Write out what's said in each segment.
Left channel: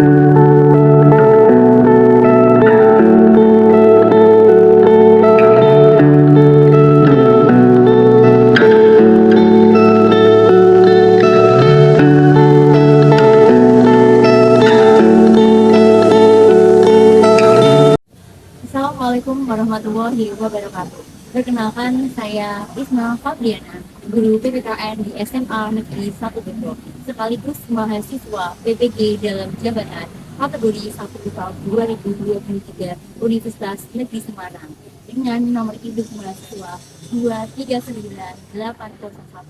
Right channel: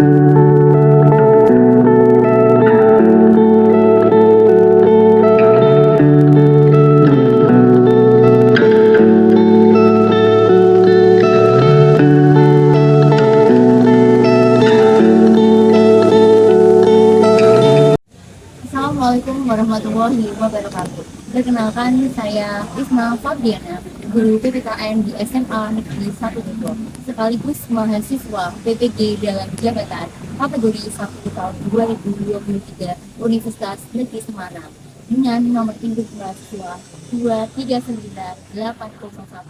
Assalamualaikum warahmatullahi wabarakatuh. Perkenalkan, saya Isma Fabriana, guru PPKN di SMA Negeri 1 Depok, sekaligus mahasiswa PPG dalam jabatan kategori 1 tahun 2023 Universitas Negeri Semarang dengan nomor induk mahasiswa 239801041.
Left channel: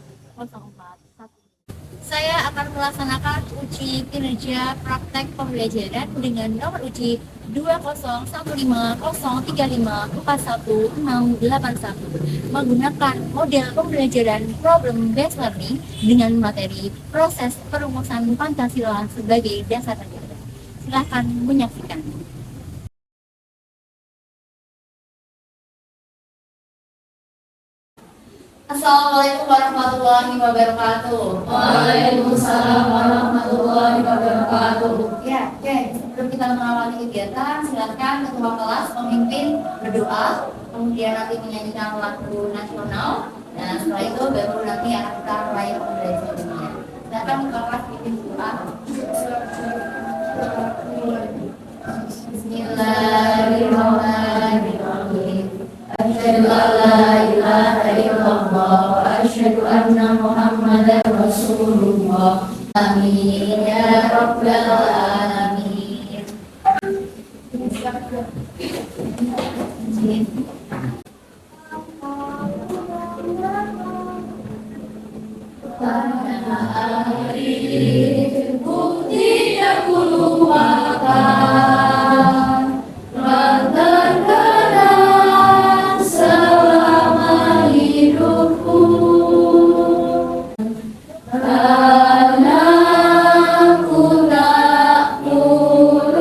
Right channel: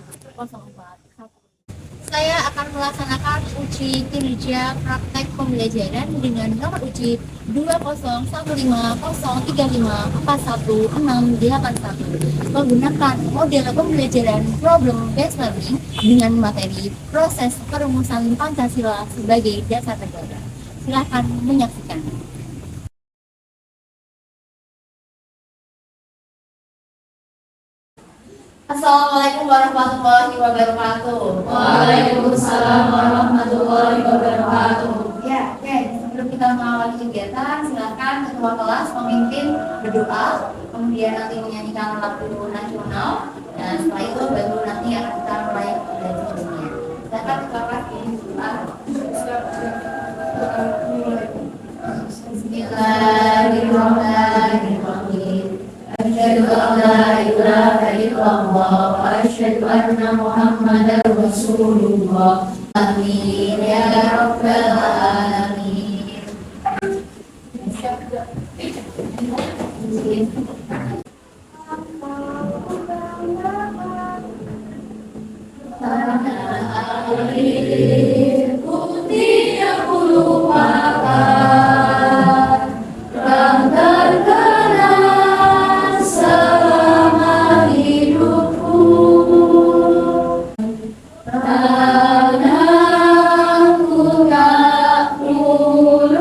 Saya akan melaksanakan uji kinerja praktek pembelajaran dengan nomor uji 20150354161 menggunakan model pembelajaran problem based learning dengan materi proses perumusan Pancasila sebagai dasar negara. Silakan menyaksikan. Assalamualaikum warahmatullahi wabarakatuh. Waalaikumsalam warahmatullahi wabarakatuh. Ya, sebelum kita mengawali kegiatan, silakan ketua kelas memimpin berdoa, kemudian nanti menyanyikan lagu nasional, dan setelah itu baru nanti akan kita mulai pembelajarannya. Silakan ketua kelas bikin berdoa. Bismillahirrahmanirrahim. Asyhadu an la ilaha illallah wa asyhadu anna Muhammadar Rasulullah. Amin ya rabbal alamin. Tanah airku tidak kulupakan, telah terkenal selama hidupku. Tanahku tak kulupakan,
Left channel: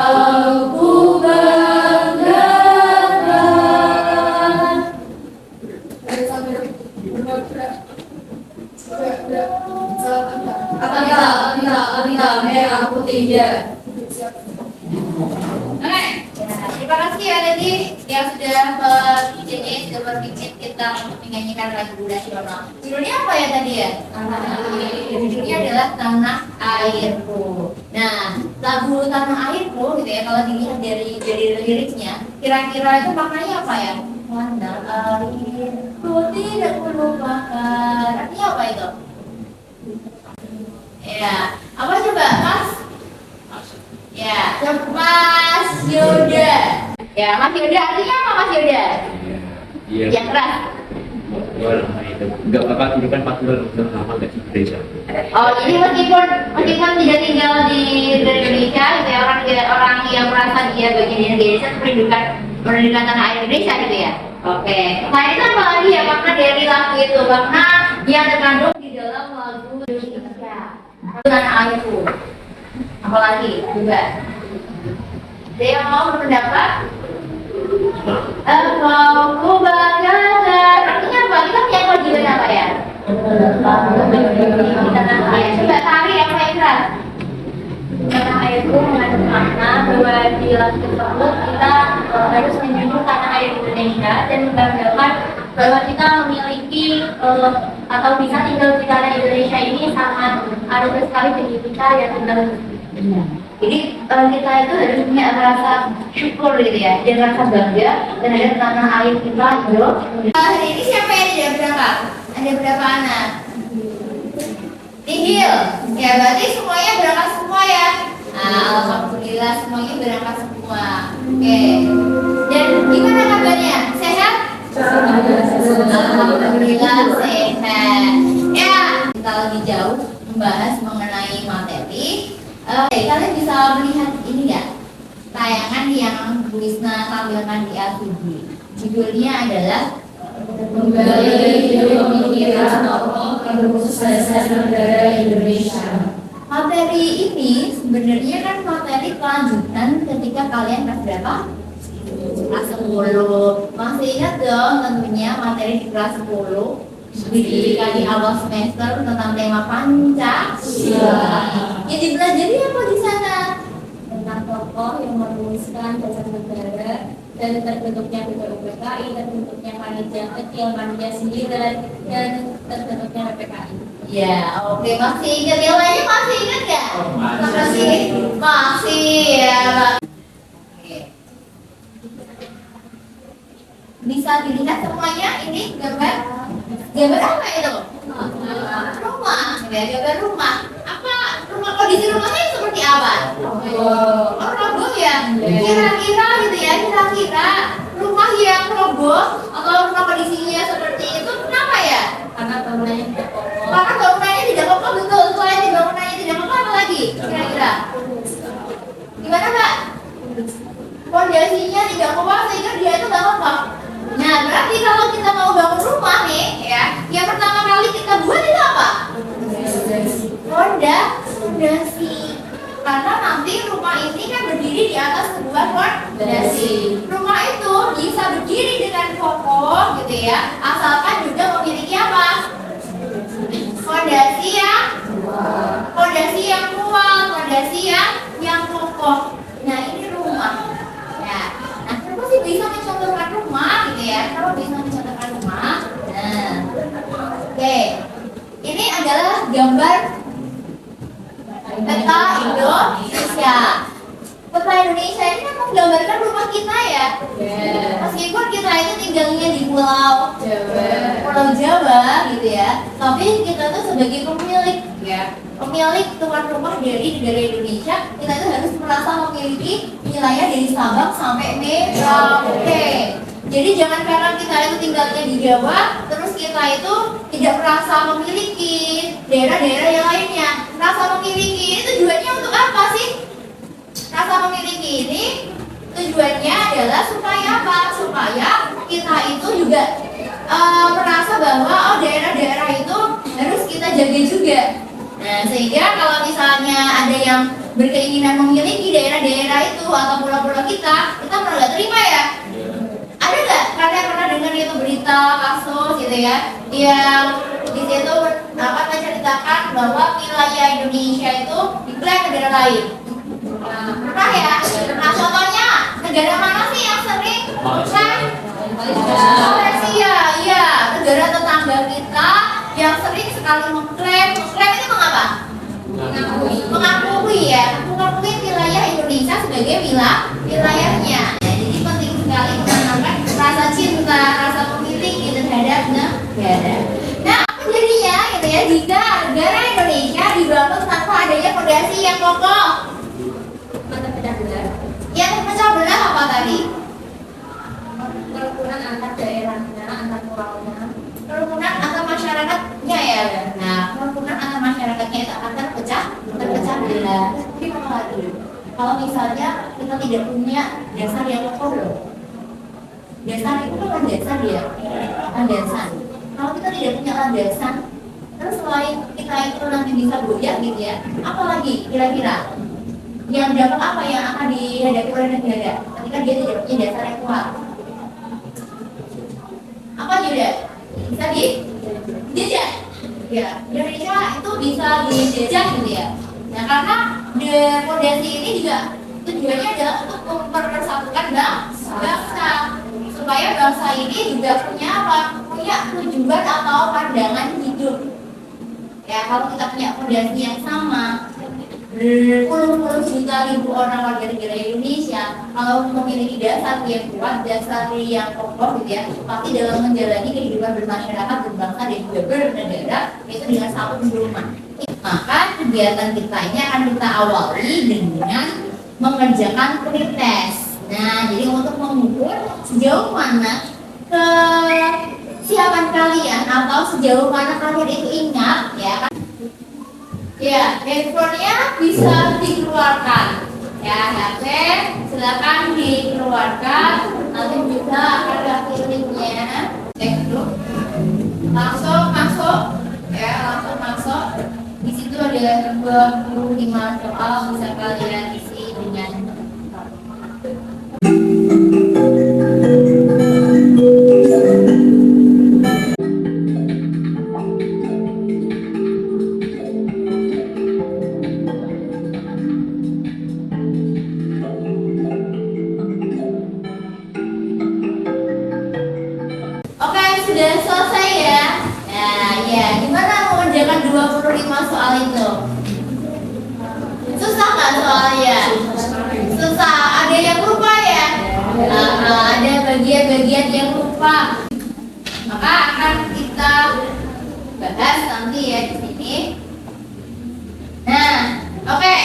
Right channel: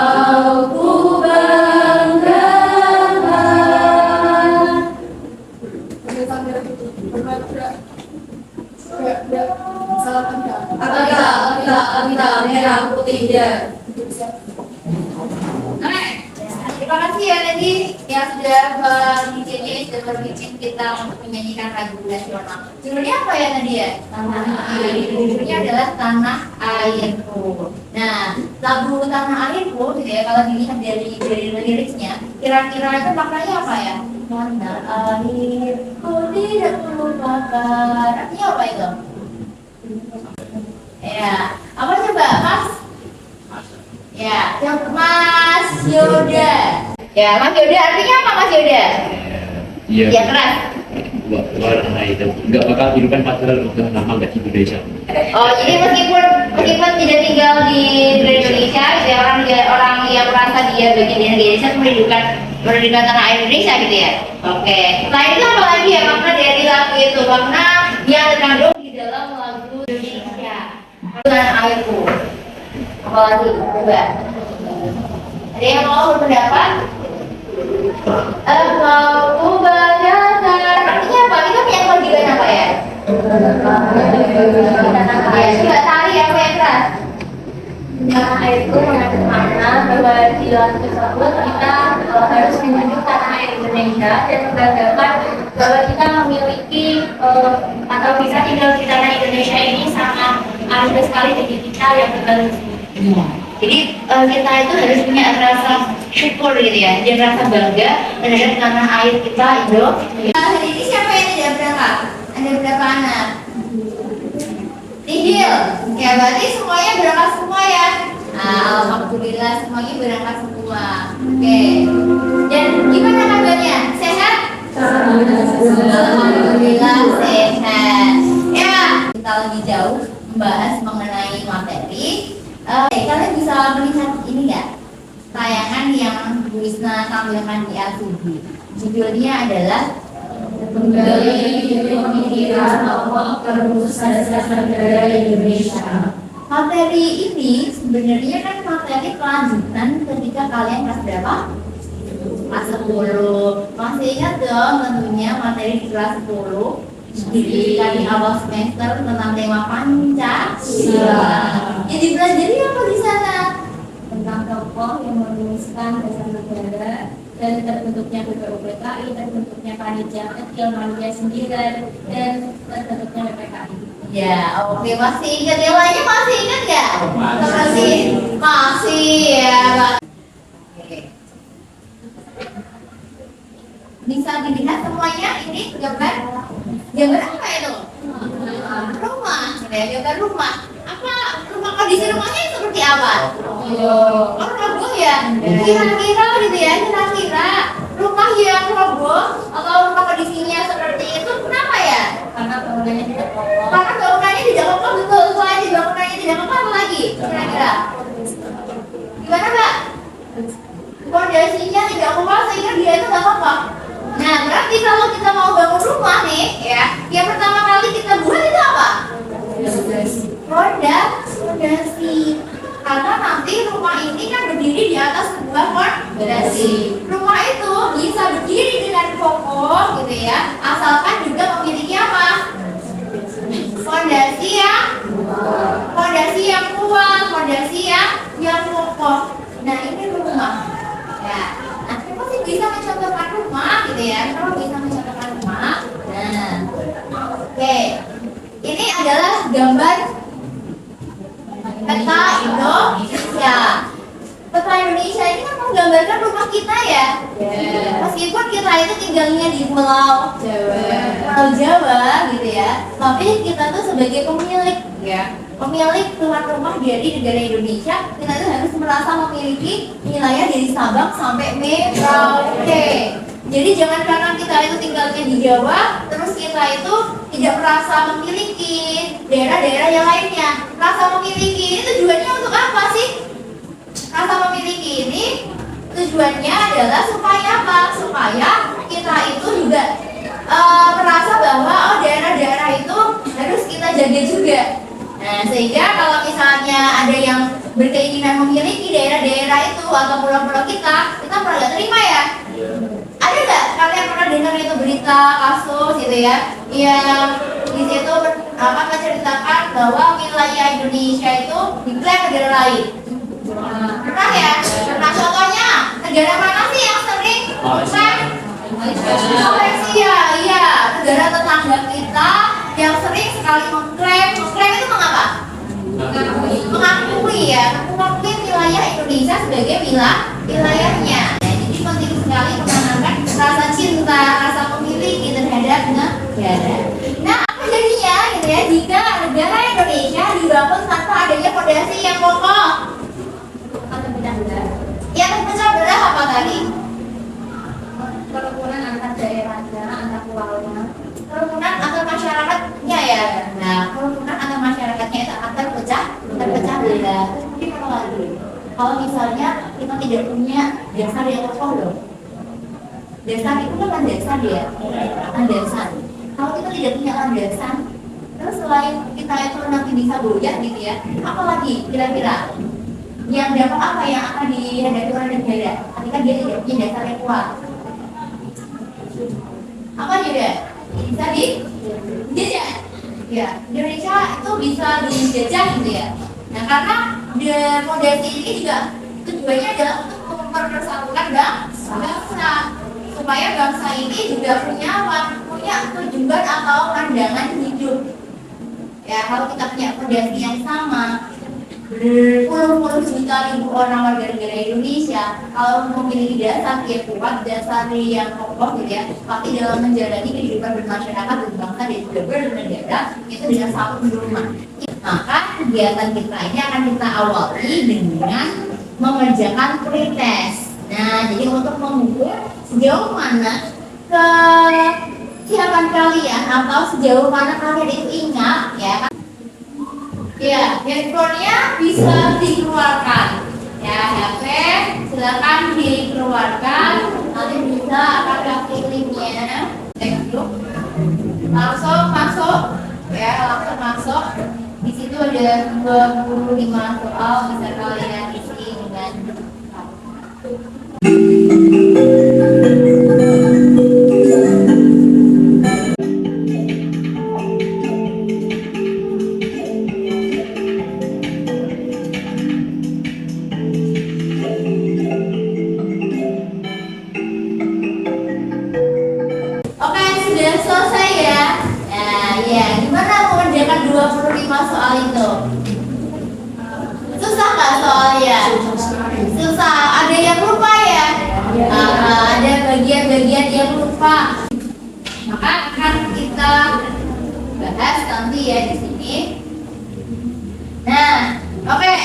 engkau ku banggakan. Apabila merah putihnya. Oke, terima kasih ya tadi yang sudah berbincang kita untuk menyanyikan lagu nasional. Judulnya apa ya tadi ya? Tanah Airku. Judulnya adalah Tanah Airku. Nah, lagu Tanah Airku gitu ya, kalau dilihat dari liriknya, kira-kira itu maknanya apa ya? Tanah airku tidak kulupakan. Artinya apa itu? Ya, apa coba Mas? Ya, Mas Yoda. Ya, Mas Yoda artinya apa Mas Yoda? Iya. Ya keras. Warna itu nggak bakal kehidupan pasti dalam nama nggak Indonesia. Oh, jadi meskipun tidak tinggal di Indonesia, gitu ya, orang yang merasa dia bagian dari Indonesia, pendidikan tanah air Indonesia gitu ya. Oke. Nah itu apa lagi ya makna dari lagu itu? Makna yang terkandung di dalam lagu Indonesia. Tanah airku. Apalagi? Coba. Ada yang mau berpendapat? Engkau ku banggakan. Artinya apa? Kita punya kewajiban apa ya? Ya, coba tari apa yang keras? Tanah airku mengandung makna bahwa di lagu tersebut kita harus menjunjung tanah air Indonesia dan membanggakan bahwa kita memiliki atau bisa tinggal di tanah Indonesia ini sangat anugerah sekali bagi kita yang tinggal di sini. Jadi kita itu harus punya rasa syukur gitu ya, dan rasa bangga terhadap tanah air kita Indonesia. Hari ini siapa yang tidak berangkat? Ada berapa anak? Nihil. Ya berarti semuanya berangkat semua ya. Nah, alhamdulillah semuanya berangkat semua. Oke. Dan gimana kabarnya? Sehat? Alhamdulillah sehat. Ya, kita lebih jauh membahas mengenai materi. Kalian bisa melihat ini nggak? Tayangan yang Bu Isna tampilkan di LCD. Judulnya adalah Menggali pemikiran tokoh perumus dasar negara Indonesia. materi ini sebenarnya kan materi kelanjutan ketika kalian kelas berapa? Kelas 10. Masih ingat dong tentunya materi di kelas 10 Diberikan di awal semester tentang tema Pancasila. Yang dipelajari apa di sana? Tentang tokoh yang merumuskan dasar negara dan terbentuknya BPUPKI, terbentuknya panitia kecil, panitia sindiran, dan terbentuknya PPKI. Ya, oke, masih ingat yang lainnya, masih ingat ya? Masih ya, Pak. Oke. Bisa dilihat semuanya ini gambar apa itu? Rumah, ya, gambar rumah. Apa rumah, kondisi rumahnya seperti apa? Roboh ya? Kira-kira gitu ya, kira-kira rumah yang roboh atau rumah kondisinya seperti itu kenapa ya? Karena bangunannya tidak kokoh. Karena bangunannya tidak kokoh, betul. Selain bangunannya tidak kokoh, apa lagi? Kira-kira gimana, Kak? Fondasinya tidak kuat sehingga dia itu nggak kokoh. Nah, berarti kalau kita mau bangun rumah nih, ya, yang pertama kali kita buat itu apa? Fondasi. Karena nanti rumah ini kan berdiri di atas sebuah fondasi. Rumah itu bisa berdiri dengan kokoh, gitu ya, asalkan juga memiliki apa? Fondasi yang kuat, fondasi yang kokoh. Nah, ini rumah. Ya. Nah, kenapa sih bisa mencontohkan rumah, gitu ya? Kalau bisa mencontohkan rumah. Nah, oke. Ini adalah gambar peta Indonesia. Peta Indonesia ini kan menggambarkan rumah kita ya. Meskipun kita itu tinggalnya di Pulau Jawa gitu ya, tapi kita tuh sebagai pemilik ya, pemilik tuan rumah dari negara Indonesia, kita itu harus merasa memiliki wilayah dari Sabang sampai Merauke. Jadi jangan karena kita itu tinggalnya di Jawa, terus kita itu tidak merasa memiliki daerah-daerah yang lainnya. Rasa memiliki ini tujuannya untuk apa sih? Rasa memiliki ini tujuannya adalah supaya apa? Supaya kita itu juga merasa bahwa oh, daerah-daerah itu harus kita jaga juga. Nah, sehingga kalau misalnya ada yang berkeinginan memiliki daerah-daerah itu atau pulau-pulau kita pernah nggak terima ya? Ada nggak? Kalian pernah dengar itu berita kasus gitu ya, yang di situ menceritakan bahwa wilayah Indonesia itu diklaim negara lain? Pernah ya? Nah, contohnya negara mana sih yang sering diklaim? Malaysia, iya, negara tetangga kita yang sering sekali mengklaim itu mengapa? Mengakui ya, mengakui wilayah Indonesia sebagai wilayahnya. Nah, jadi penting sekali menanamkan rasa cinta, rasa memiliki terhadap negara. Nah, apa jadinya gitu ya jika negara Indonesia dibangun tanpa adanya fondasi yang kokoh? Yang terpecah belah apa tadi? Kerukunan antar daerahnya, antar pulaunya. Kerumunan antar masyarakatnya ya. Nah, kerumunan antar masyarakatnya itu akan terpecah belah. Tapi memang lagi, kalau misalnya kita tidak punya dasar yang kokoh loh. Dasar itu kan landasan ya, landasan. Kalau kita tidak punya landasan, terus selain kita itu nanti bisa goyah gitu ya, apalagi kira-kira yang dapat apa yang akan dihadapi oleh negara ketika dia tidak punya dasar yang kuat? Apa juga? Bisa dijajah. Ya, Indonesia itu bisa dijajah gitu ya. Nah, karena fondasi ini juga tujuannya adalah untuk mempersatukan bangsa supaya bangsa ini juga punya apa? Punya tujuan atau pandangan hidup. Ya, kalau kita punya fondasi yang sama, berpuluh-puluh juta ribu orang warga negara Indonesia kalau memiliki dasar yang kuat, dasar yang kokoh gitu ya, pasti dalam menjalani kehidupan bermasyarakat, berbangsa dan juga bernegara itu dengan satu pedoman. Maka kegiatan kita ini akan kita awali dengan mengerjakan pretest. Nah, jadi untuk mengukur sejauh mana kesiapan kalian atau sejauh mana kalian itu ingat ya kan? Ya, handphonenya bisa dikeluarkan. Ya, HP silakan dikeluarkan. Nanti bisa ada linknya. Cek dulu. Langsung masuk. Ya, langsung masuk. Di situ ada 25 soal bisa kalian isi dengan cepat. mengerjakan 25 soal itu? Susah kan soalnya? Susah. Ada yang lupa ya? Ada bagian-bagian yang lupa. Maka akan kita bahas nanti ya di sini. Nah, oke.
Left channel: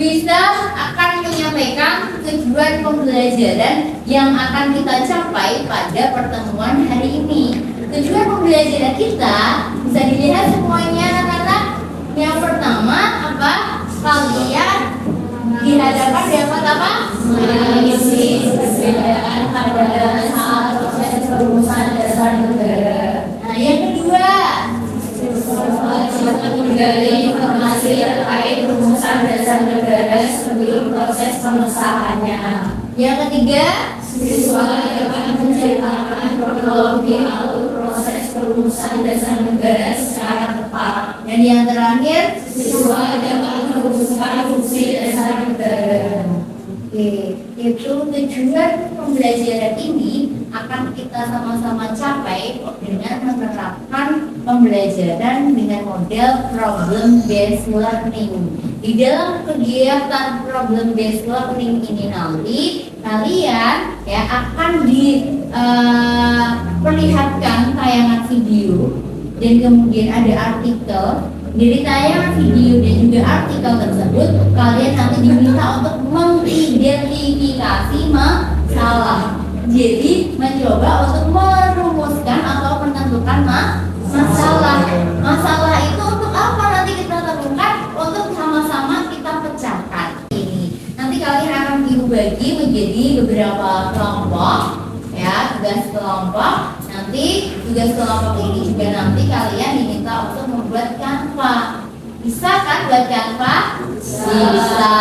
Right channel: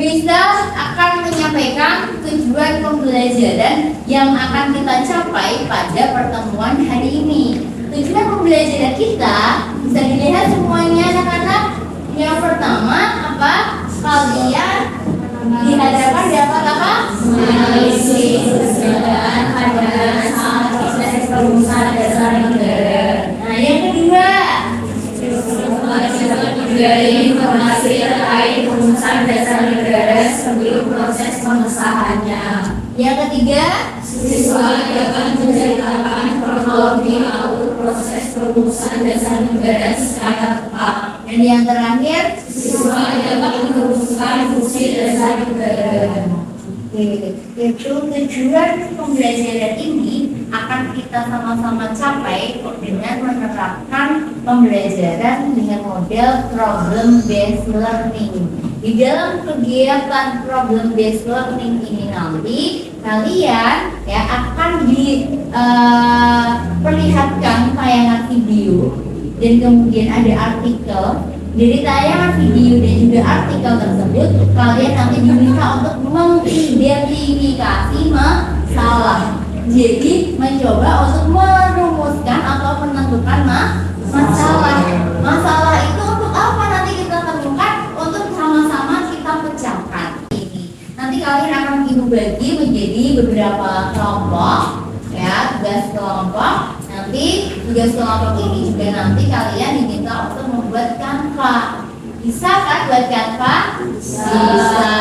Wisdom akan menyampaikan tujuan pembelajaran yang akan kita capai pada pertemuan hari ini. Tujuan pembelajaran kita bisa dilihat semuanya anak-anak. Yang pertama apa? Kalian dihadapkan dapat apa? Mengisi perbedaan pada saat proses perumusan dasar negara. Nah, yang kedua, Dari informasi terkait perumusan dasar negara sebelum proses pengesahannya. yang ketiga, Siswa dapat menceritakan kronologi alur proses perumusan dasar negara secara tepat. dan yang terakhir, Siswa dapat merumuskan fungsi dasar negara. itu tujuan pembelajaran ini akan kita sama-sama capai dengan menerapkan pembelajaran dengan model problem based learning. Di dalam kegiatan problem based learning ini nanti kalian ya akan diperlihatkan tayangan video dan kemudian ada artikel. Dari tayangan video dan juga artikel tersebut, kalian nanti diminta untuk mengidentifikasi masalah. Jadi mencoba untuk merumuskan atau menentukan masalah. Masalah itu untuk apa nanti kita temukan, untuk sama-sama kita pecahkan. Ini nanti kalian akan dibagi menjadi beberapa kelompok, ya, tugas kelompok. Nanti tugas kelompok ini juga nanti kalian diminta untuk membuat Canva. Bisa kan buat Canva? Bisa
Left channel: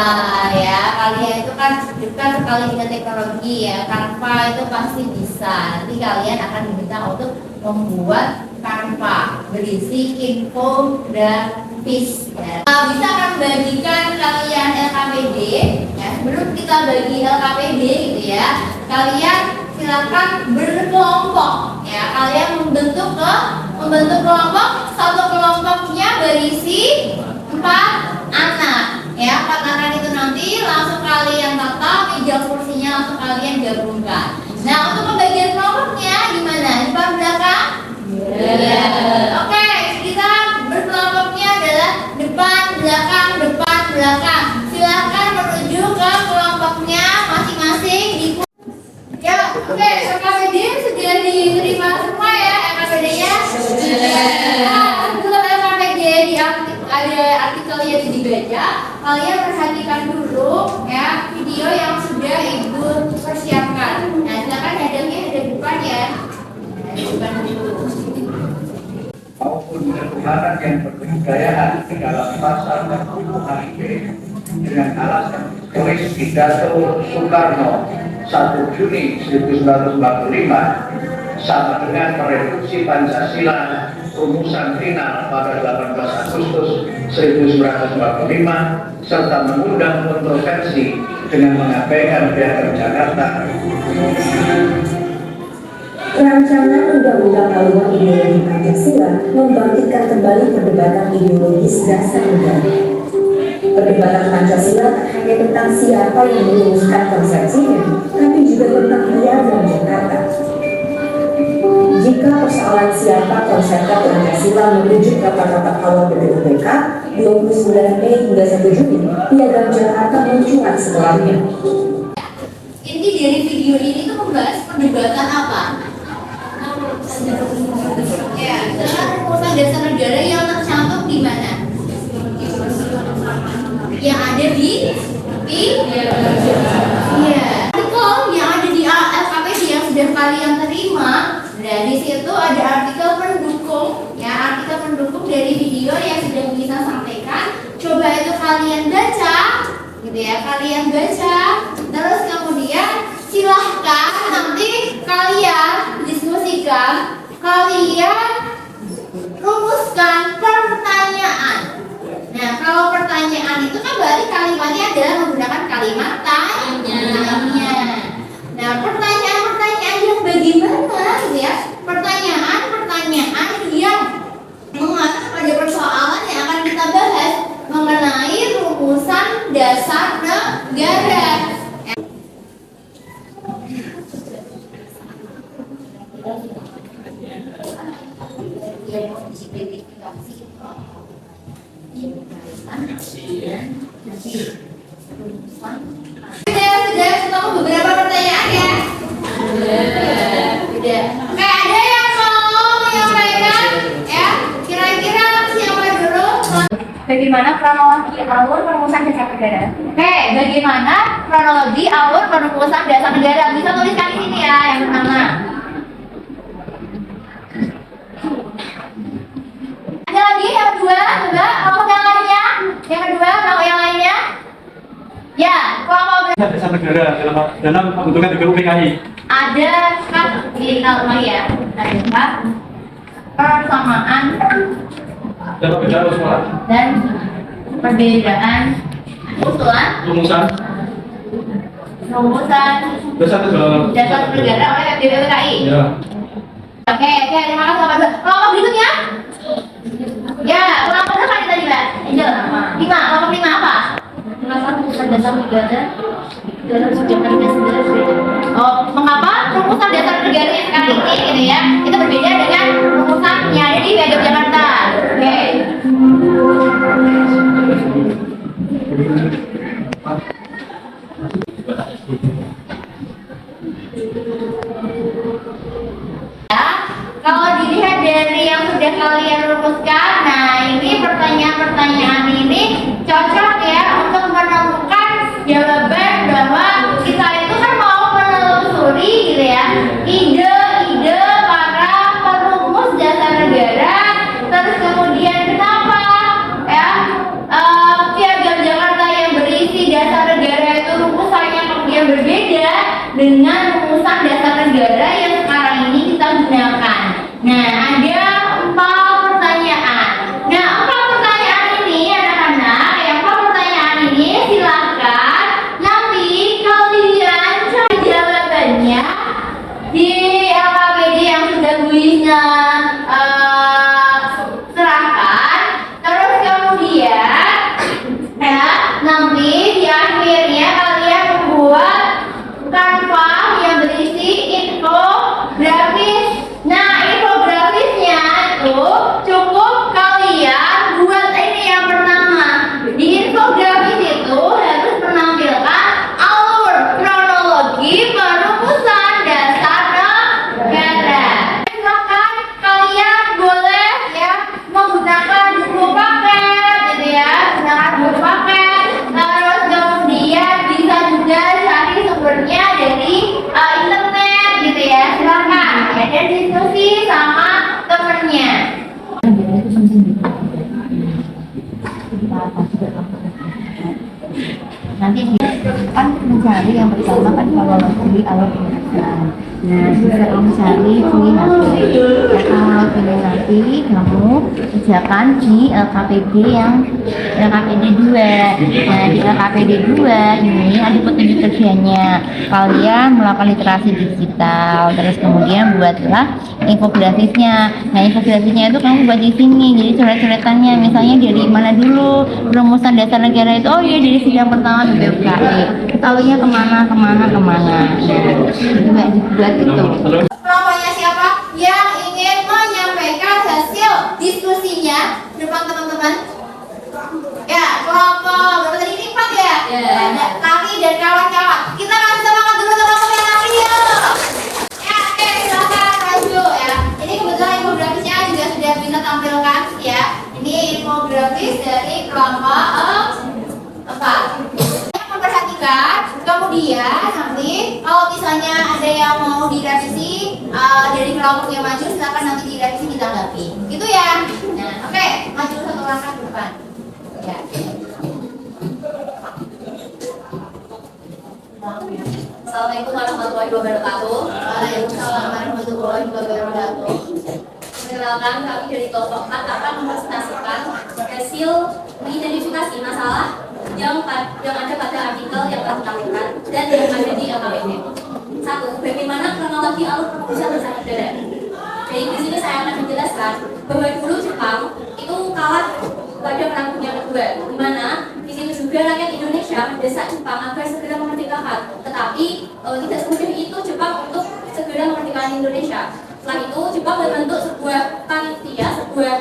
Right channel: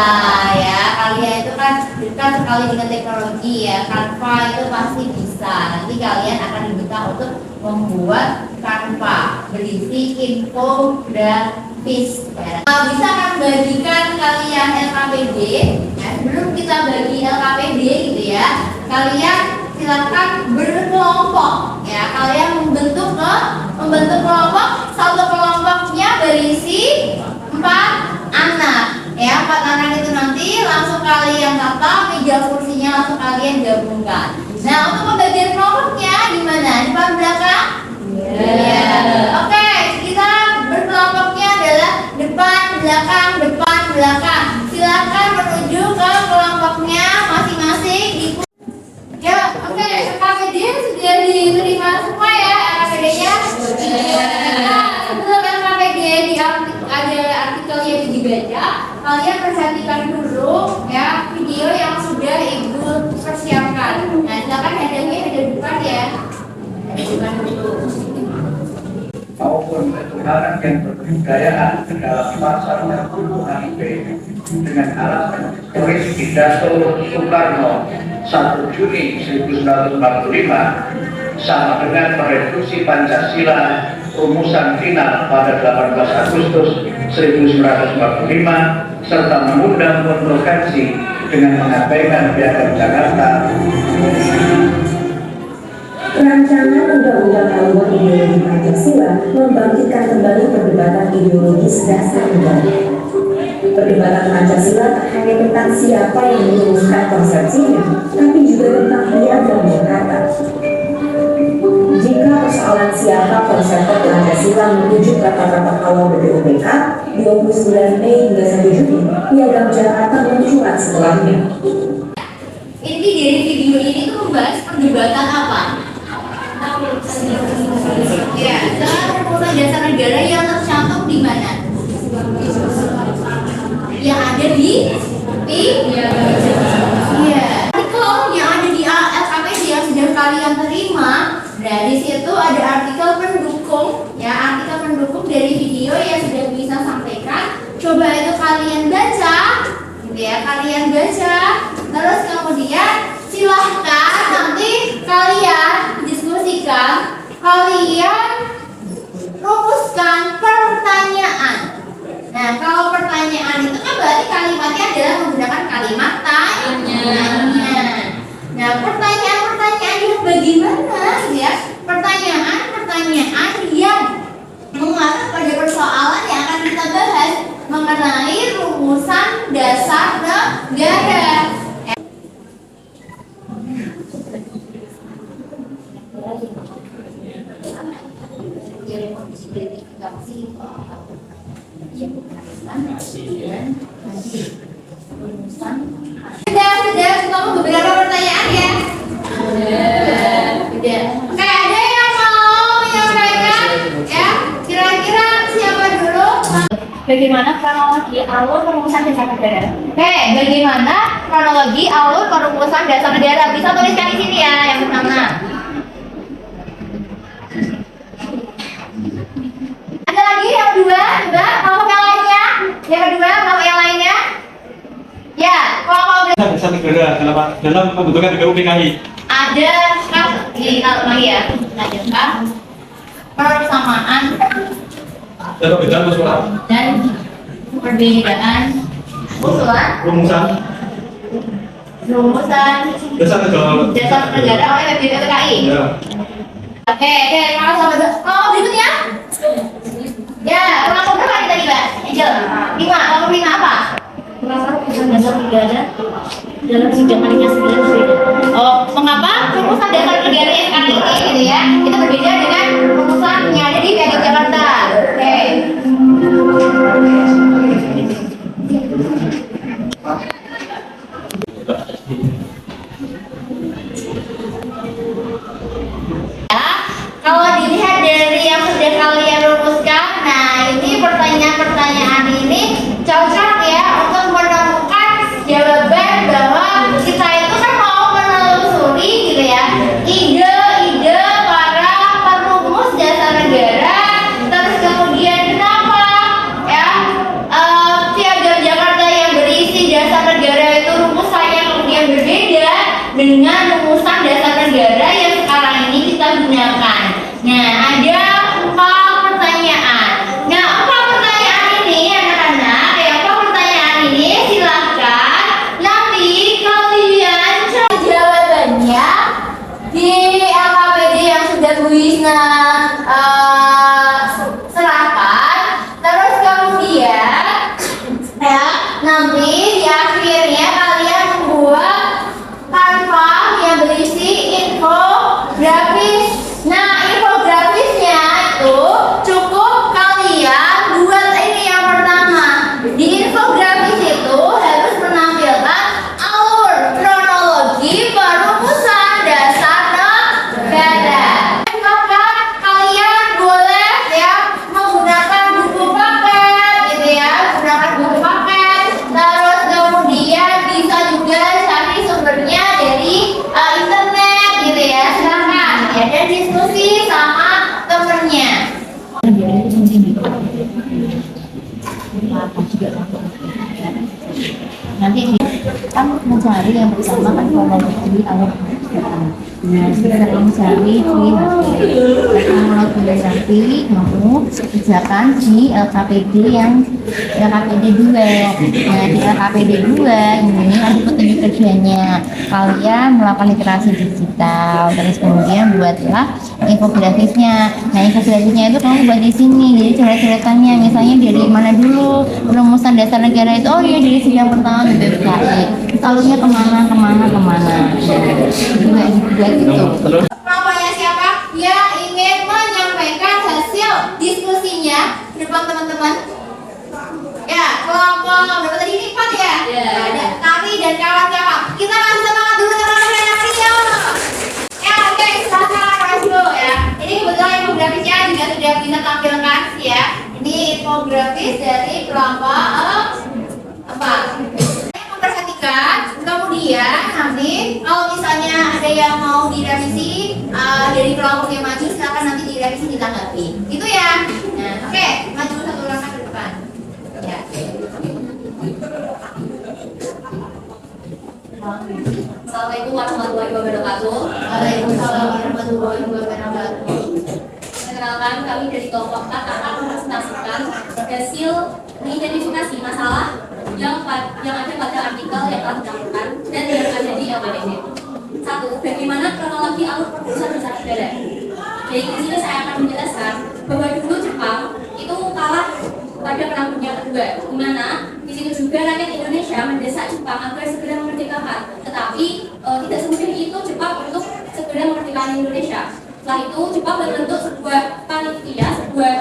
ya. Kalian itu kan dekat sekali dengan teknologi ya. Canva itu pasti bisa. Nanti kalian akan diminta untuk membuat Canva berisi infografis. Ya. Bisa kan bagikan kalian LKPD. Ya, sebelum kita bagi LKPD gitu ya, kalian silakan berkelompok ya. Kalian membentuk kelompok. Satu kelompoknya berisi 4 anak ya. 4 anak itu nanti langsung kalian tata meja kursinya, langsung kalian gabungkan. Nah, untuk pembagian kelompoknya gimana? Depan belakang? Ya. Oke, kita berkelompoknya adalah depan belakang. Silakan menuju ke kelompoknya masing-masing. Ya, oke, LKPD sudah diterima semua ya LKPD-nya. Nah, sebelum LKPD ada artikel yang dibaca, kalian perhatikan dulu ya video yang sudah ibu persiapkan. Nah, silakan hadapnya ada depan ya. Ada depan dulu. Maupun ketuhanan yang berbudayaan di dalam pasar dan tubuh HIP dengan alasan tulis pidato Soekarno 1 Juni 1945 sama dengan mereduksi Pancasila rumusan final pada 18 Agustus 1945 serta mengundang kontroversi dengan mengabaikan Piagam Jakarta. Rancangan Undang-Undang Haluan Ideologi Pancasila membangkitkan kembali perdebatan ideologis dasar negara. Perdebatan Pancasila tak hanya tentang siapa yang merumuskan konsepsinya, tapi juga tentang Piagam Jakarta. Jika persoalan siapa konseptor Pancasila menuju kata-kata awal BPUPK 29 Mei hingga 1 Juni, Piagam Jakarta mencuat setelahnya. Inti dari video ini tuh membahas perdebatan apa? Ya, tentang rumusan dasar negara yang tercantum di mana? Yang ada di iya. Artikel yang ada di LKPD yang sudah kalian terima. Dari situ ada artikel pendukung, ya, artikel pendukung dari video yang sudah bisa sampaikan. Coba itu kalian baca, gitu ya, kalian baca. Terus kemudian silahkan nanti kalian diskusikan, kalian rumuskan pertanyaan. Nah, kalau pertanyaan itu kan berarti kalimatnya adalah menggunakan kalimat tanya. Nah, pertanyaan-pertanyaan yang bagaimana ya? Pertanyaan yang mengatakan dasar negara. Sudah ketemu beberapa pertanyaan ya. Sudah. Oke, ada yang mau menyampaikan ya? Kira-kira siapa dulu? Bagaimana kronologi alur perumusan dasar negara? Oke, bagaimana kronologi alur perumusan dasar negara? Bisa tuliskan di sini ya, yang pertama. Ada lagi yang kedua, Mbak? Mau yang lainnya? Yang kedua, mau yang lainnya? Ya, kelompok Dasar negara dalam pembentukan negara PKI. ada ini lagi ya. Ada persamaan Dan perbedaan usulan dan perbedaan usulan rumusan rumusan dasar negara. dasar negara oleh PBBKI. Ya. Oke, terima kasih sampai dulu. Kelompok berikutnya? Ya, kelompok berapa tadi, Mbak? Angel? 5, kelompok 5 apa? Mengapa rumusan dasar negara dalam sidang Panitia 9? Oh, mengapa rumusan dasar negara yang sekarang ini gitu ya, itu berbeda dengan rumusan yang ada di Piagam Jakarta. Oke. Ya, kalau dilihat dari yang sudah kalian rumuskan, nah ini pertanyaan-pertanyaan ini cocok ya untuk menemukan jawaban bahwa kita itu kan mau menelusuri gitu ya ide-ide para perumus dasar negara, terus kemudian kenapa ya Piagam Jakarta yang berisi dasar negara itu rumusannya kemudian berbeda dengan rumusan dasar negara yang sekarang ini kita gunakan. Nah, ada 4 pertanyaan. Nah, 4 pertanyaan ini anak-anak, yang 4 pertanyaan ini silakan nanti kalian cari jawabannya di LKPD yang sudah Bu Yusna serahkan. Terus kemudian ya nanti di akhirnya kalian membuat kanvas yang berisi infografis. Nah, infografisnya itu cukup kalian buat ini yang pertama. Di infografis itu harus menampilkan alur kronologi perumusan dasar negara. Maka kalian boleh ya menggunakan buku paket gitu ya, menggunakan buku paket. Terus kemudian bisa juga cari sumbernya dari internet gitu ya, silakan ya, dan diskusi sama temennya. Nanti kan mencari yang pertama kan kronologi alur perumusan. Nah, bisa kamu cari di HP. Kronologi nanti kamu kerjakan di LKPD yang LKPD 2. Nah, di LKPD 2 ini ada petunjuk kerjanya. Kalian melakukan literasi digital, terus kemudian buatlah infografisnya. Nah, infografisnya itu kamu buat di sini. Jadi coret-coretannya misalnya dari mana dulu rumusan dasar negara itu. Oh iya, dari sidang pertama BPKI. Alurnya kemana. Nah, juga dibuat itu. Kelompoknya siapa yang ingin menyampaikan hasil diskusinya di depan teman-teman? Ya, kelompok berapa tadi ini 4 ya? Ada Tari dan kawan-kawan. Kita kasih semangat dulu teman-teman yang tadi ya. Ya, oke, silakan maju ya. Ini kebetulan infografisnya juga sudah bisa tampilkan ya. Ini infografis dari kelompok 4. Memperhatikan, kemudian nanti kalau misalnya ada yang mau direvisi dari kelompok yang maju, silakan nanti direvisi ditanggapi. Itu ya. Nah, oke, maju 1 langkah ke depan. Ya. Assalamualaikum warahmatullahi wabarakatuh. Waalaikumsalam warahmatullahi wabarakatuh. Perkenalkan, kami dari kelompok 4 akan mempresentasikan hasil mengidentifikasi masalah yang ada pada artikel yang telah ditampilkan dan yang ada di LKPD. 1. Bagaimana kronologi alur perumusan dasar negara? Dari sini saya akan menjelaskan bahwa dulu Jepang itu kalah pada perang dunia kedua, di mana di situ juga rakyat Indonesia sudah mendesak Jepang agar segera memerdekakan. Tetapi tidak semudah itu Jepang untuk segera memerdekakan Indonesia. Setelah itu Jepang membentuk sebuah panitia, sebuah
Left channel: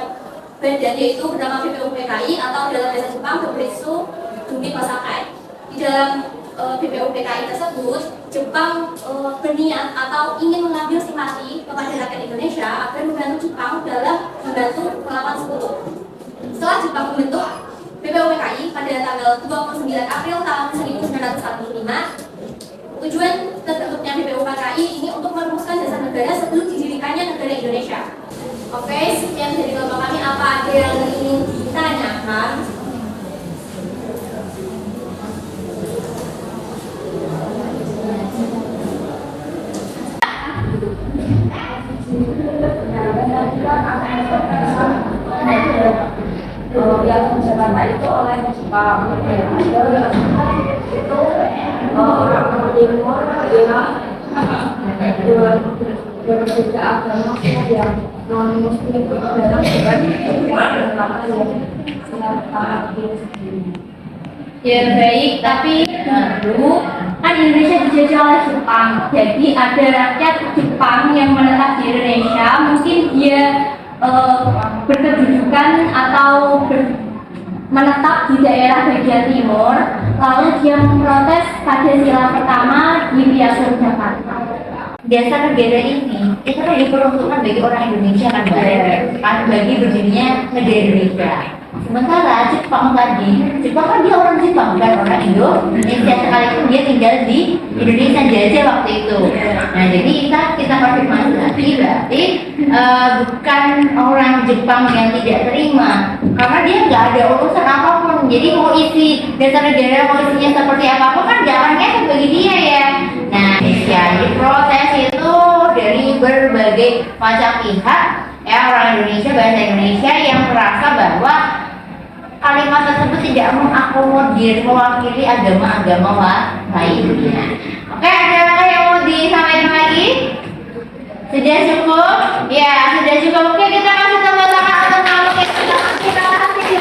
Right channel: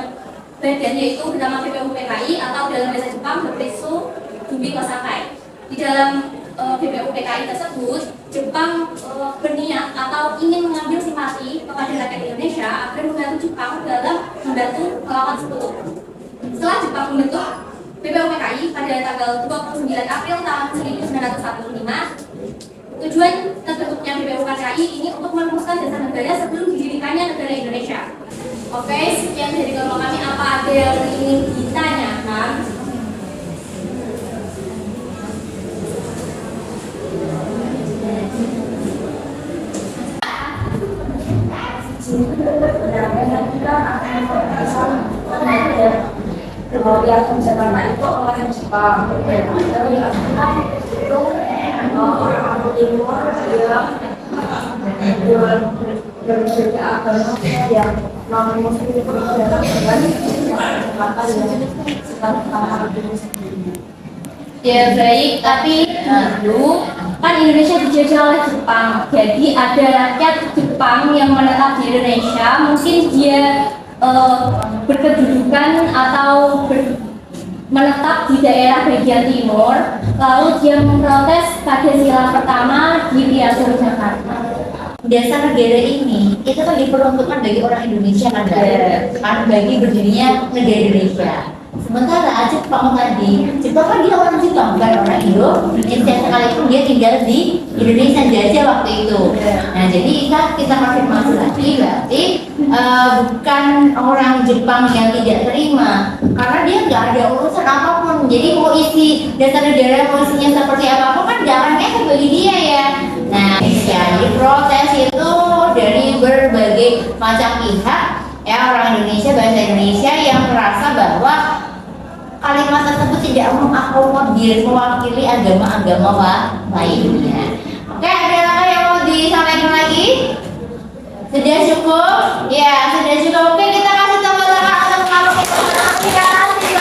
badan yaitu bernama BPUPKI atau dalam bahasa Jepang Bupretsu Jumbi Kosakai. Di dalam BPUPKI tersebut, Jepang berniat atau ingin mengambil simpati kepada rakyat Indonesia agar membantu Jepang dalam membantu melawan sekutu. Setelah Jepang membentuk BPUPKI pada tanggal 29 April tahun 1945, tujuan terbentuknya BPUPKI ini untuk merumuskan dasar negara sebelum didirikannya negara Indonesia. Oke, sekian dari kelompok kami. Apa ada yang ingin ditanyakan? Yang Jakarta itu oleh Jepang itu orang timur yang berbeda agama yang non muslim itu datang dengan Jakarta yang selama sebelumnya. Ya baik, tapi dulu kan Indonesia dijajah oleh Jepang. Jadi ada rakyat Jepang yang menetap di Indonesia, mungkin dia berkedudukan atau menetap di daerah bagian timur, lalu dia memprotes pada sila pertama di Piagam Jakarta. Dasar negara ini itu kan diperuntukkan bagi orang Indonesia kan, kan bagi berdirinya negara Indonesia. Sementara Jepang kan dia orang Jepang, bukan orang Indonesia, sekalipun dia tinggal di Indonesia jajah waktu itu. Nah jadi kita konfirmasi lagi, berarti bukan orang Jepang yang tidak terima, karena dia nggak ada urusan apapun. Jadi mau isi dasar negara, mau isinya seperti apapun kan nggak akan ngefek bagi dia ya. Nah jadi protes itu dari berbagai macam pihak ya, orang Indonesia, bahasa Indonesia yang merasa bahwa kalimat tersebut tidak mengakomodir, mewakili agama-agama lainnya. Oke, adakah yang mau disampaikan lagi? Sudah cukup? Ya, sudah cukup. Oke, kita kasih tepuk tangan untuk kelompok yang terima kasih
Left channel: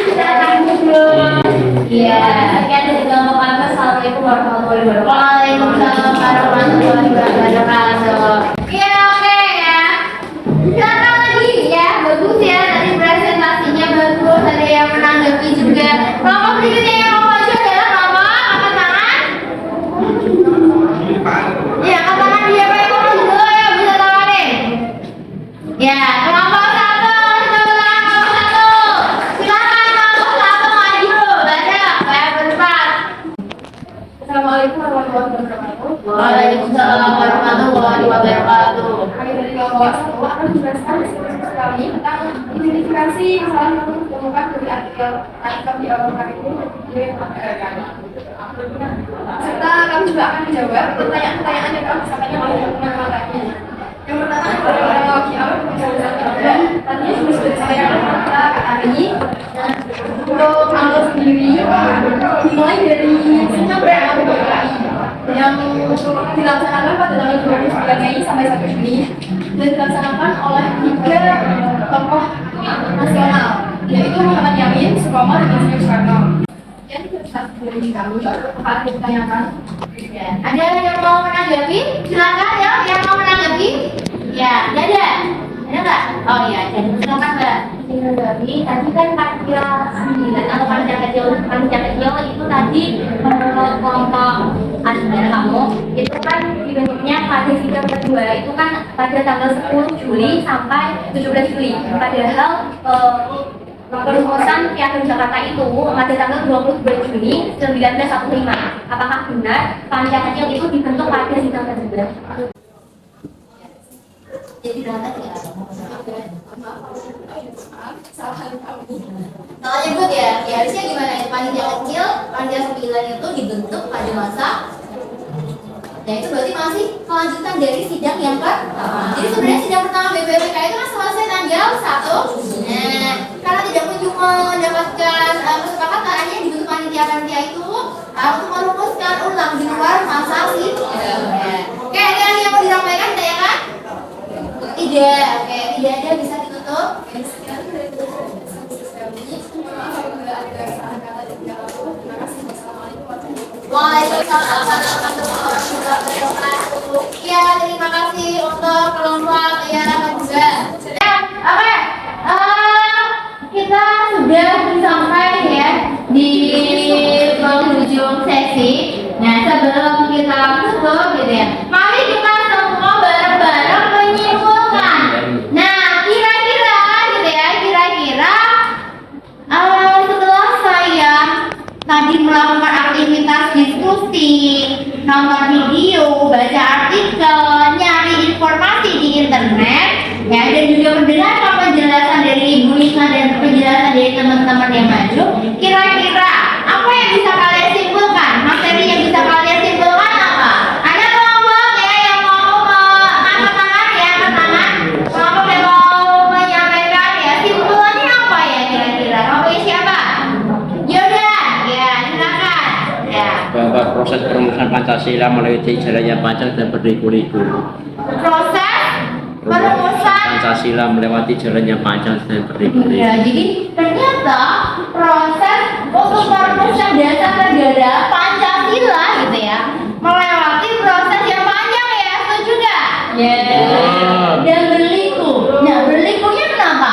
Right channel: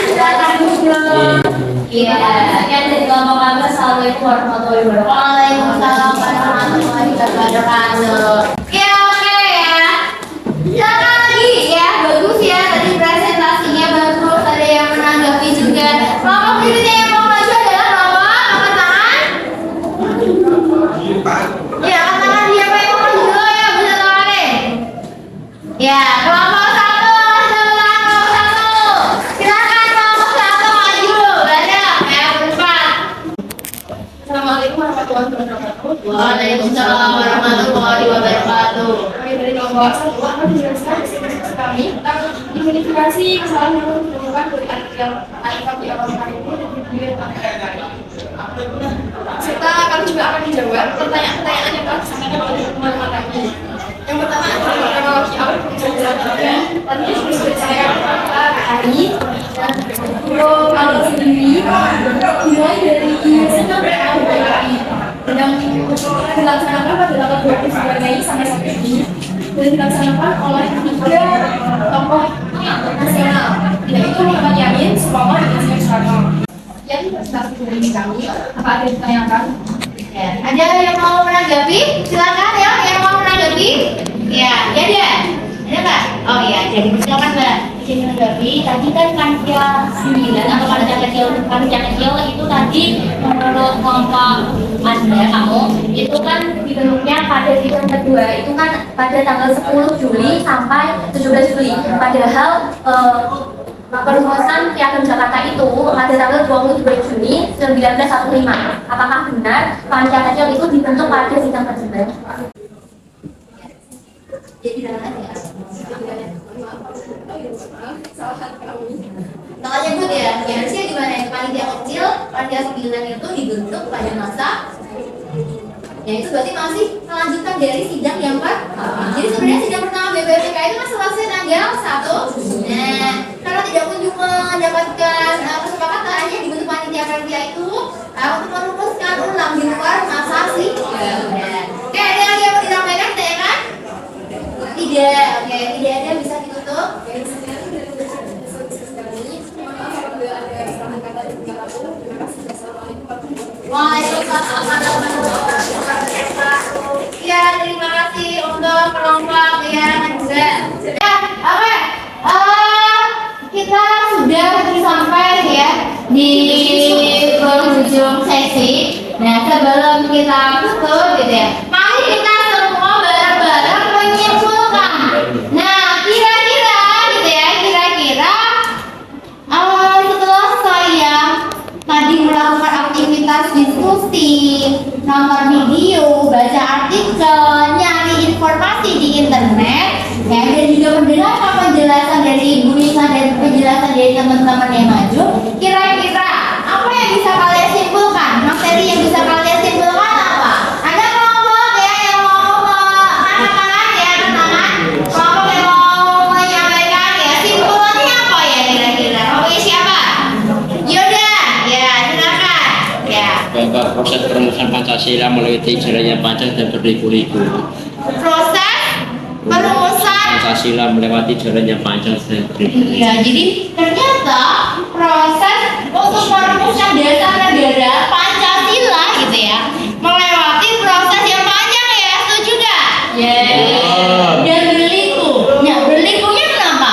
sudah duduk. Iya, sekian dari kelompok kami. Assalamualaikum warahmatullahi wabarakatuh. Waalaikumsalam warahmatullahi wabarakatuh. Ya, oke ya. Silakan lagi ya, bagus ya tadi presentasinya bagus, ada yang menanggapi juga. Kelompok berikutnya yang mau maju adalah kelompok angkat tangan. Ya, angkat tangan siapa yang mau maju dulu ya, bisa tawarin. Ya, kelompok satu, kelompok satu. Silakan kelompok satu maju, ada ya berempat. Assalamualaikum warahmatullahi wabarakatuh. Waalaikumsalam warahmatullahi wabarakatuh. Kami dari kelompok satu akan menjelaskan diskusi kami tentang identifikasi masalah yang ditemukan dari artikel di Eropa itu dan video yang telah diadakan. Serta kami juga akan menjawab pertanyaan-pertanyaan yang telah disampaikan oleh teman-teman lagi. Yang pertama adalah kronologi awal penjelasan tadi sudah saya tadi. Untuk awal sendiri dimulai dari sebenarnya yang dilaksanakan pada tanggal 29 Mei sampai 1 Juni dan dilaksanakan oleh 3 tokoh nasional, yaitu Muhammad Yamin, Suromo, dan Ismail Soekarno. Yang presentasi dari kami, apa ada yang ditanyakan? Ya, ada yang mau menanggapi? Silakan ya, yang mau menanggapi. Ya, ada. Ada nggak? Oh ya, jadi misalkan Mbak Jenny menanggapi, tadi kan panitia 9 atau panitia kecil itu tadi menurut kelompok Anda kamu itu kan dibentuknya pada sidang kedua itu kan pada tanggal 10 Juli sampai 17 Juli. Padahal perumusan Piagam Jakarta itu pada tanggal 22 Juni 1945. Apakah benar panitia kecil itu dibentuk pada sidang kedua? Jadi Salahnya buat ya, harusnya gimana ya, panitia kecil, panitia 9 itu dibentuk pada masa ya itu berarti masih melanjutkan dari sidang yang pertama. Jadi sebenarnya sidang pertama BPUPK itu kan selesai tanggal 1. Nah, karena tidak kunjung mendapatkan kesepakatan, akhirnya dibentuk panitia itu untuk merumuskan ulang di luar masa sidang. Oke, ada lagi yang mau disampaikan, ditanyakan? Tidak, oke, tidak ada, bisa ditutup. Sekian dari diskusi kali ini. Mohon maaf apabila ada kesalahan kata dan juga aku. Terima kasih. di penghujung sesi. Nah, sebelum kita tutup gitu ya, mari kita semua bareng-bareng menyimpulkan. Nah, kira-kira gitu ya, kira-kira setelah saya tadi melakukan aktivitas diskusi, nonton video, baca artikel, nyari informasi di internet, ya, dan juga mendengarkan penjelasan dari Ibu Nisa dan penjelasan dari teman-teman yang maju, kira-kira apa yang bisa kalian simpulkan? Materi yang bisa kalian simpulkan apa? Ada kelompok ya yang mau angkat tangan ya, angkat tangan. Kelompok yang mau menyampaikan ya, simpulannya apa ya kira-kira? Oke, siapa? Yoda, ya silakan. Ya. Bahwa proses perumusan Pancasila melewati jalannya panjang dan berliku-liku. Proses perumusan Pancasila melewati jalannya panjang dan berliku-liku. Iya, jadi ternyata proses untuk merumuskan dasar negara Pancasila gitu ya, melewati proses yang panjang ya, setuju nggak? Dan berliku. Nah, berlikunya kenapa?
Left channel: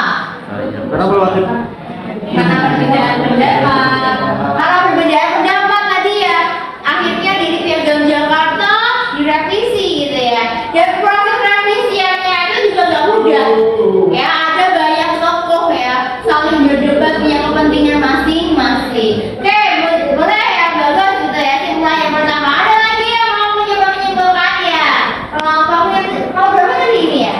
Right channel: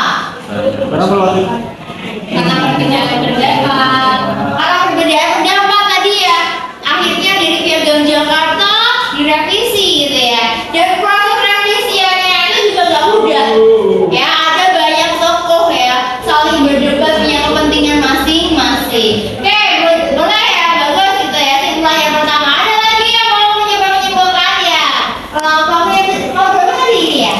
Karena perbedaan pendapat. Karena perbedaan pendapat tadi ya, akhirnya dari Piagam Jakarta direvisi gitu ya. Dan proses revisiannya itu juga nggak mudah. Ya, ada banyak tokoh ya saling berdebat punya kepentingan masing-masing. Oke, boleh ya, bagus gitu ya. Simpulan yang pertama. Ada lagi yang mau mencoba menyimpulkan ya? Kelompoknya kelompok berapa tadi ini ya?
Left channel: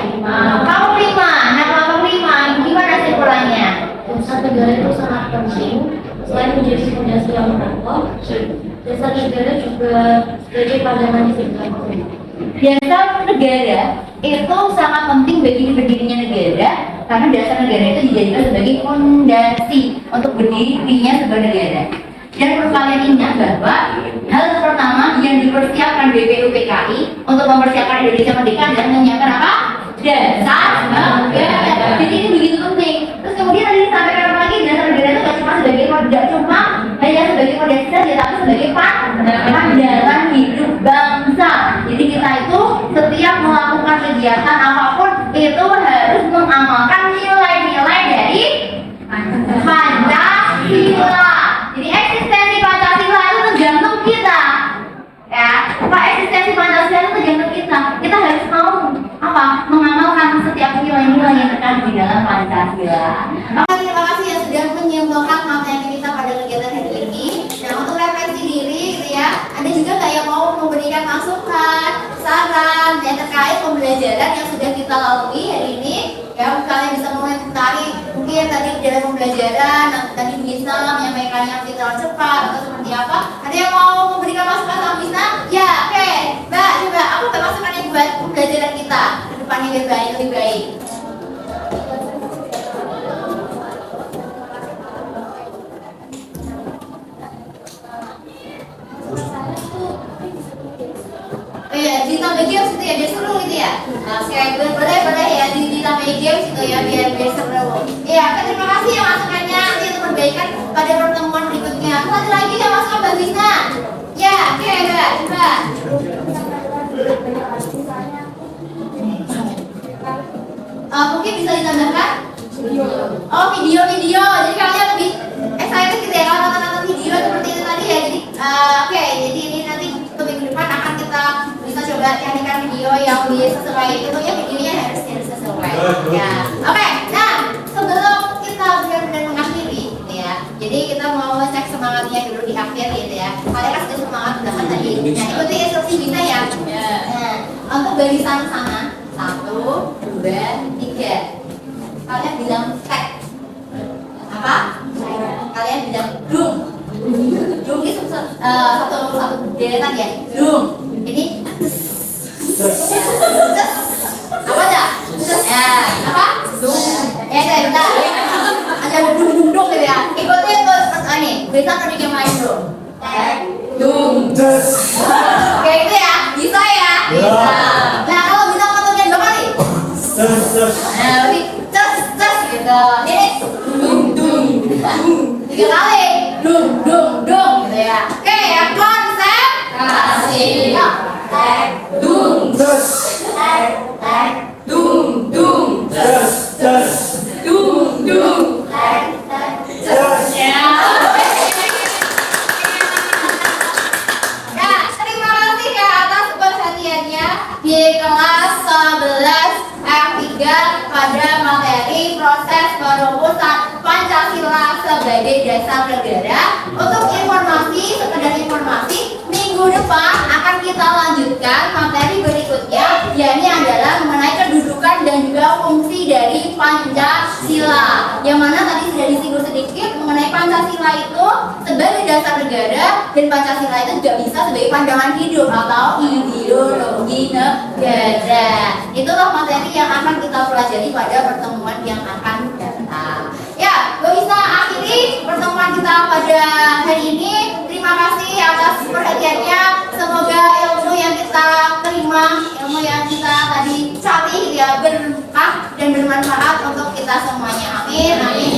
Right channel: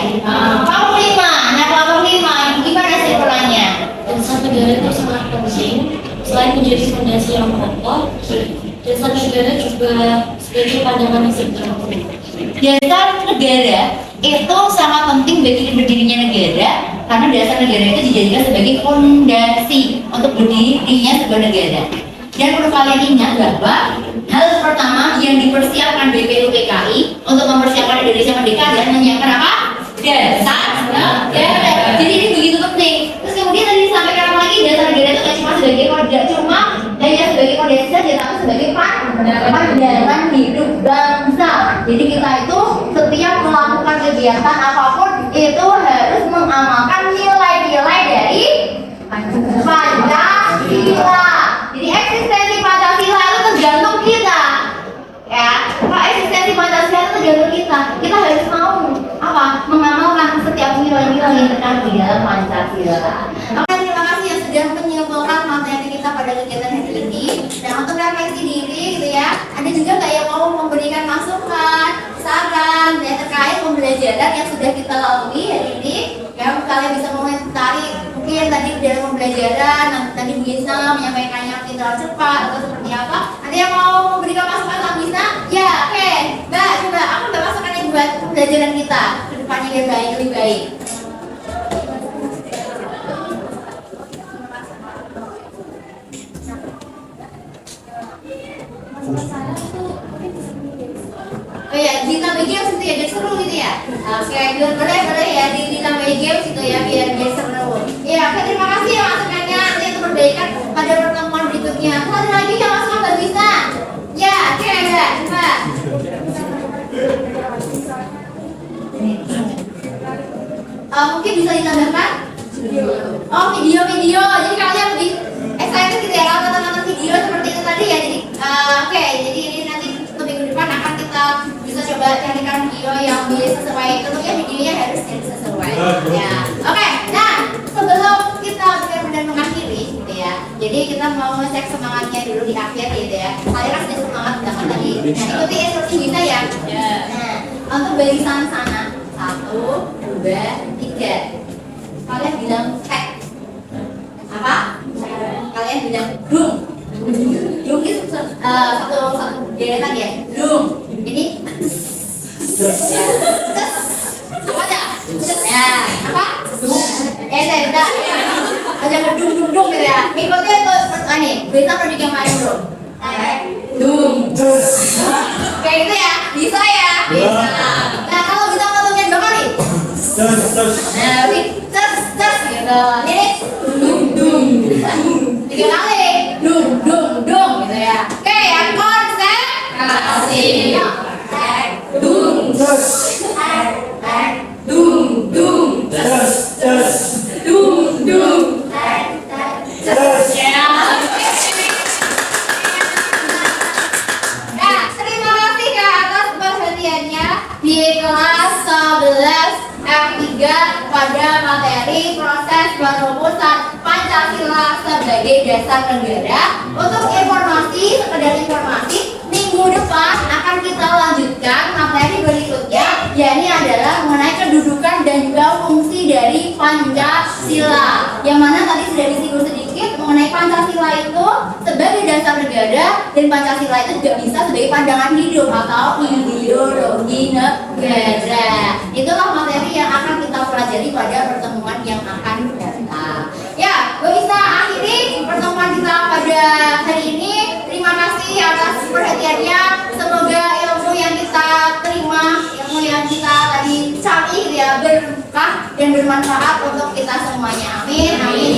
Kelompok 5. Nah, kelompok 5 gimana simpulannya? Dasar negara itu sangat penting. Selain menjadi fondasi yang kokoh, dasar negara juga sebagai pandangan yang sederhana. Dasar negara itu sangat penting bagi berdirinya negara, karena dasar negara itu dijadikan sebagai fondasi untuk berdirinya sebuah negara. Dan perlu kalian ingat bahwa hal pertama yang dipersiapkan BPUPKI untuk mempersiapkan Indonesia merdeka adalah menyiapkan apa? Dasar negara. Jadi ini begitu penting. Terus kemudian tadi disampaikan apa lagi? Dasar negara itu tidak cuma hanya sebagai fondasi saja, tapi sebagai pandangan hidup bangsa. Jadi kita itu setiap melakukan kegiatan apapun itu harus mengamalkan nilai-nilai dari Pancasila. Jadi eksistensi Pancasila itu tergantung kita. Ya, eksistensi Pancasila itu tergantung kita. Kita harus mau apa? Mengamalkan setiap nilai-nilai yang terkandung di dalam Pancasila. Oke, terima kasih yang sudah menyimpulkan materi kita pada kegiatan hari ini. Nah, untuk refleksi diri gitu ya, ada juga nggak yang mau memberikan masukan, saran ya terkait pembelajaran yang sudah kita lalui hari ini? Ya, kalian bisa mengomentari mungkin tadi dalam pembelajaran tadi bisa menyampaikannya mungkin terlalu cepat atau seperti apa? Ada yang mau memberikan masukan sama bisa? Ya, oke. Mbak, coba aku udah masukannya buat pembelajaran kita ke depannya lebih baik. Oh iya, ditambah games itu ya, dia seru gitu ya. Oke, boleh ya, ditambah games itu ya, biar seru. Iya, oke, terima kasih ya masukannya. Nanti itu perbaikan pada pertemuan berikutnya. Satu lagi yang masukan Mbak Bisna. Ya, oke Mbak, coba. Mungkin bisa ditambahkan? Oh, video. Jadi kalian lebih excited gitu ya, kalau nonton video seperti itu tadi ya. Jadi, oke, jadi ini nanti untuk minggu depan akan kita bisa coba carikan video yang lebih sesuai. Tentunya videonya harus sesuai. Ya, oke. Nah, sebelum kita benar-benar mengakhiri, gitu ya. Jadi kita mau ngecek semangatnya dulu di akhir, gitu ya. Kalian kan sudah semangat banget tadi. Nah, ikuti instruksi kita ya. Nah, untuk barisan sana, 1, 2, 3. Kalian bilang tek. Apa? Kalian bilang dung. Dung itu satu deretan ya. Dung. Ini apa aja? Ya, apa? Dung. Bentar. Aja dung gitu ya. Ikutin tuh ini. Besok nanti yang main bro. Dung. Kayak itu ya. Bisa ya? Bisa. Nah, kalau kita ngotongnya 2 kali. Nah, cus gitu. Ini dung. 3 kali. Dung gitu ya. Oke, ya konsentrasi. Dung. Dung. dasar negara. Untuk informasi, sekedar informasi, minggu depan akan kita lanjutkan materi berikutnya, yakni adalah mengenai kedudukan dan juga fungsi dari Pancasila. Yang mana tadi sudah disinggung sedikit mengenai Pancasila itu sebagai dasar negara, dan Pancasila itu juga bisa sebagai pandangan hidup atau ideologi negara. Itulah materi yang akan kita pelajari pada pertemuan yang akan datang. Ya, gue bisa akhiri pertemuan kita pada hari ini. Terima kasih atas perhatiannya. Semoga ilmu yang kita terima, ilmu yang kita tadi cari ya berkah dan bermanfaat untuk kita semuanya. Amin. Amin.